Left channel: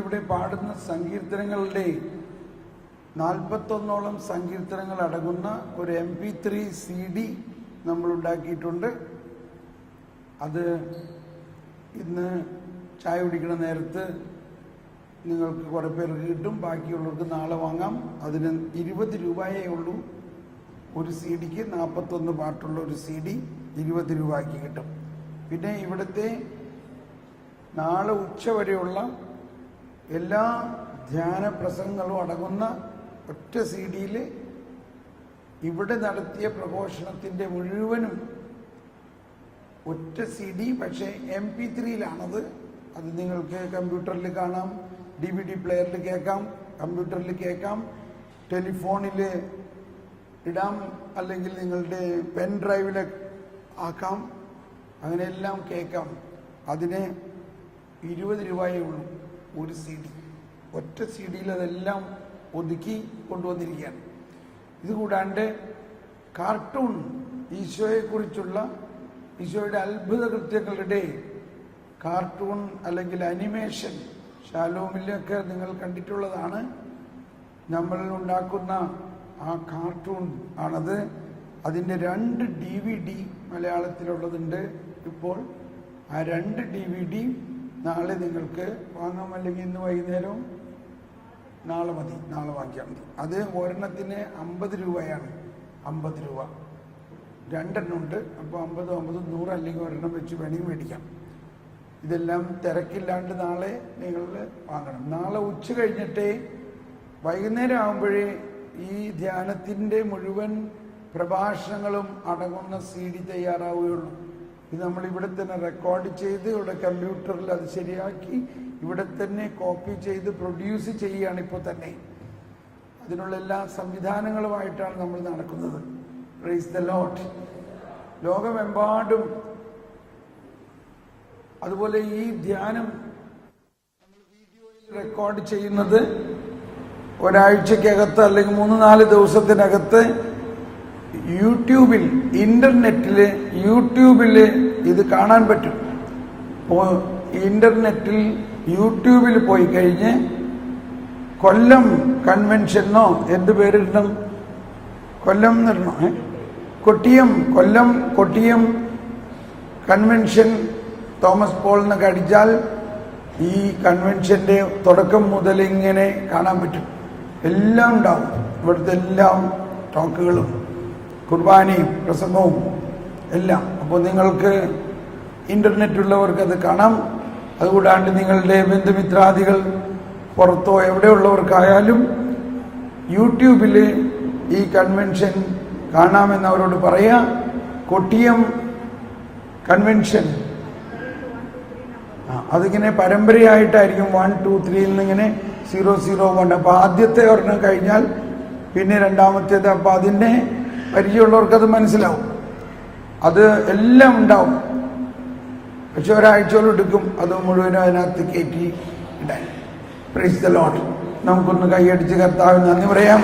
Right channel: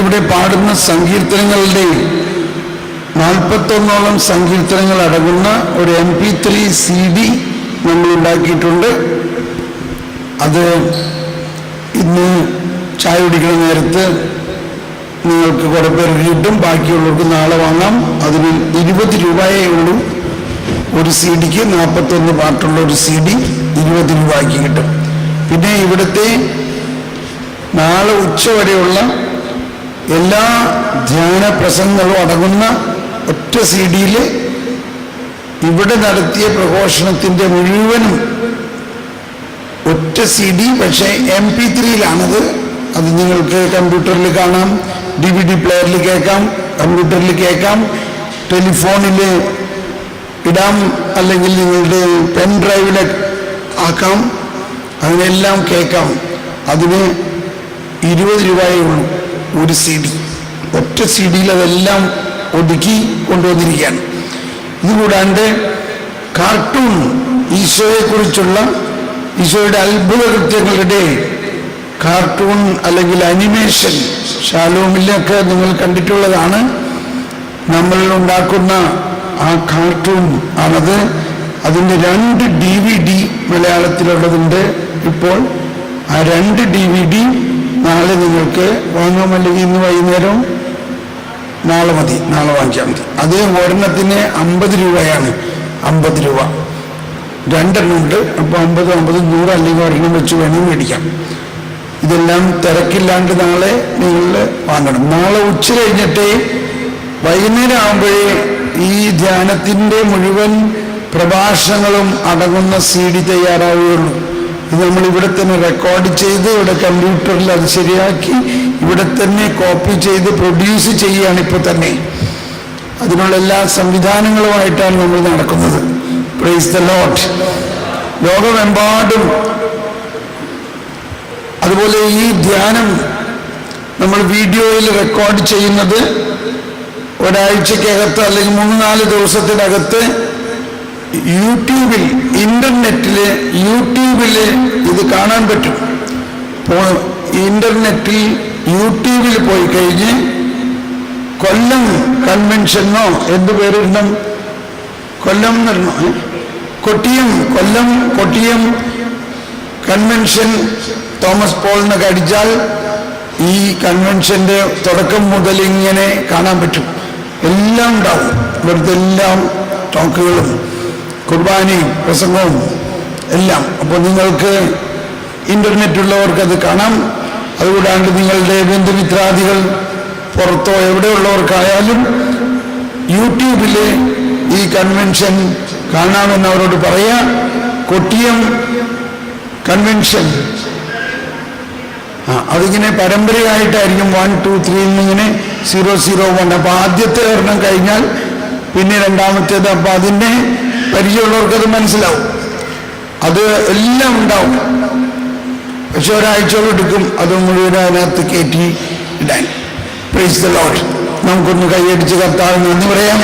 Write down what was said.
ഇവിടെ പാടുന്ന സങ്കീർത്തനങ്ങളുടെ 41ഓളം സങ്കീർത്തനങ്ങൾ അടങ്ങുന്ന ഒരു MP3 CD നമ്മൾ ഉണ്ടാക്കിയിട്ടുണ്ട്. അത് ഇന്ന് ചായ കുടിക്കുന്ന നേരത്ത് നിങ്ങൾക്ക് കുറേ പേർക്ക് കിട്ടും, ബാക്കിയുള്ളവർക്ക് നാളെ വാങ്ങാം. അതിന് 20 രൂപയേ ഉള്ളൂ. ഒരു CD-ക്ക് 41 പാട്ടുള്ള ഒരു CD 20 രൂപയ്ക്ക് കിട്ടും. പിന്നെ ഇവിടുത്തെ നാളെ ഉച്ച വരെയുള്ള എല്ലാ ധ്യാന പ്രസംഗങ്ങളും അടങ്ങുന്ന ഒറ്റ CD-യിൽ ഇവിടെ നടത്തിയ പ്രഘോഷണത്തിൻ്റെ മുഴുവനും ഒറ്റ CD, പക്ഷേ MP3-യിലാണത്. അത് നിങ്ങൾക്ക് കമ്പ്യൂട്ടറിൽ കാണാം, DVD പ്ലെയറിൽ കേൾക്കാം, കമ്പ്യൂട്ടറിൽ കേൾക്കാം, ടെലിഫോണിൽ ഇടാം, അല്ലെങ്കിൽ നിങ്ങളുടെ പെൻ ഡ്രൈവിൽ ആക്കാം, അതിനെല്ലാം കേൾക്കാം. അതിന് 20 രൂപയേ ഉള്ളൂ ഒരു CD. ഒറ്റ CD-യിൽ അതെല്ലാം ഒതുക്കി കൊണ്ടുവന്നിരിക്കുകയാണ്. ഇതുകൂടാണ്ട് കാർട്ടൂൺ, ഈശോയെക്കുറിച്ചുള്ള ഈശോയുടെ അത്ഭുത കൃത്യങ്ങളുടെ കാർട്ടൂൺ അല്ലെങ്കിൽ അനിമേഷൻ ഷാലോമിലൊക്കെ നിങ്ങൾ കണ്ടിട്ടുള്ളതാണ്. നമ്മൾ ഉണ്ടാക്കുന്ന ആ കാർട്ടൂൺ ആണത്. അതിൻ്റെ 2 DVD മലയാളത്തിലുള്ളതുണ്ട്. ഇപ്പോൾ ആ 2 DVD നാളെ നിങ്ങൾക്ക് വാങ്ങാം, അല്ലെങ്കിൽ ഇന്ന് വൈകുന്നേരം, നാളെ മതി, നാളെ വാങ്ങിച്ചാൽ മതി. അത് ഒരെണ്ണത്തിന് 50 രൂപയാണ്. 50 രൂപ 2 എണ്ണം ഉണ്ട്. അപ്പോൾ 50, 100 അല്ലെങ്കിൽ ഒരെണ്ണം വെച്ച് വേണമെങ്കിൽ മേടിക്കാം. ഇതെല്ലാം തിരക്കില്ലാണ്ട് നാളെ നിങ്ങൾ വാങ്ങണം. നാളെ ഉച്ച കഴിഞ്ഞിട്ട് വൈകുന്നേരം ആകുമ്പോഴേ ഈ ധ്യാനത്തിൻ്റെ മുഴുവൻ പ്രഭാഷണങ്ങളും അടങ്ങുന്ന CD തയ്യാറാവുകയുള്ളൂ. ഇത് നമ്മൾ ഇവിടെ തന്നെ റെക്കോർഡ് ചെയ്ത് ഇവിടെ കമ്പ്യൂട്ടറിൽ അത് ശരിയാക്കി ഇവിടെ തന്നെ കോപ്പി ചെയ്ത് പ്രൊഡ്യൂസ് ചെയ്യുകയാണ് ഇപ്പോൾ തന്നെ. അതിനുള്ള എല്ലാ സംവിധാനങ്ങളുമായിട്ടാണ് നമ്മൾ നടക്കുന്നത്. Praise the Lord. ലോകമെമ്പാടും അതുപോലെ ഈ ധ്യാനം നമ്മൾ വീഡിയോയിൽ റെക്കോർഡ് ചെയ്യുന്നത് ഒരാഴ്ചക്കകത്ത് അല്ലെങ്കിൽ 3-4 ദിവസത്തിനകത്ത് യൂട്യൂബിൽ, യൂട്യൂബിൽ ഇത് കാണാൻ പറ്റും. ഇപ്പോൾ ഇന്റർനെറ്റിൽ യൂട്യൂബിൽ പോയി കഴിഞ്ഞ് കൊല്ലം കൺവെൻഷനോ എന്ത് പേരിടണം, കൊല്ലം എന്നിടണോ, കൊട്ടിയം കൺവെൻഷൻ തോമസ് പോളിനൊക്കെ അടിച്ചാൽ ഈ കൺവെൻഷൻ്റെ തുടക്കം മുതൽ ഇങ്ങനെ കാണാൻ പറ്റും. എല്ലാം ഉണ്ടാവും ഇവിടുത്തെ എല്ലാം ടോക്കുകളും കുർബാനയും പ്രസംഗവും എല്ലാം. അപ്പോൾ നിങ്ങൾക്ക് ഇൻ്റർനെറ്റുള്ളവർക്ക് അത് കാണാം. അതുകൂടാണ്ട് നിങ്ങളുടെ ബന്ധുമിത്രാദികൾ പുറത്തോ എവിടെയുള്ളവർക്കായാലും യൂട്യൂബിൽ ഈ കൺവെൻഷൻ കാണാമെന്ന് അവരോട് പറയാം. കൊട്ടിയം കൺവെൻഷൻ അതിങ്ങനെ പരമ്പരയായിട്ടായിരിക്കും 1, 2, 3 എന്നിങ്ങനെ 001. അപ്പോൾ ആദ്യത്തെ ഒരെണ്ണം കഴിഞ്ഞാൽ പിന്നെ രണ്ടാമത്തേത്. അപ്പം അതിൻ്റെ പരിചയമുള്ളവർക്കത് മനസ്സിലാവും. അത് എല്ലാം ഉണ്ടാവും. പക്ഷെ ഒരാഴ്ചയോളം എടുക്കും അത് മുഴുവൻ അതിനകത്ത് കയറ്റി ഇടാൻ. Praise the Lord. നമുക്കൊന്ന് കൈയടിച്ച് കർത്താവിന് നന്ദി പറയാം.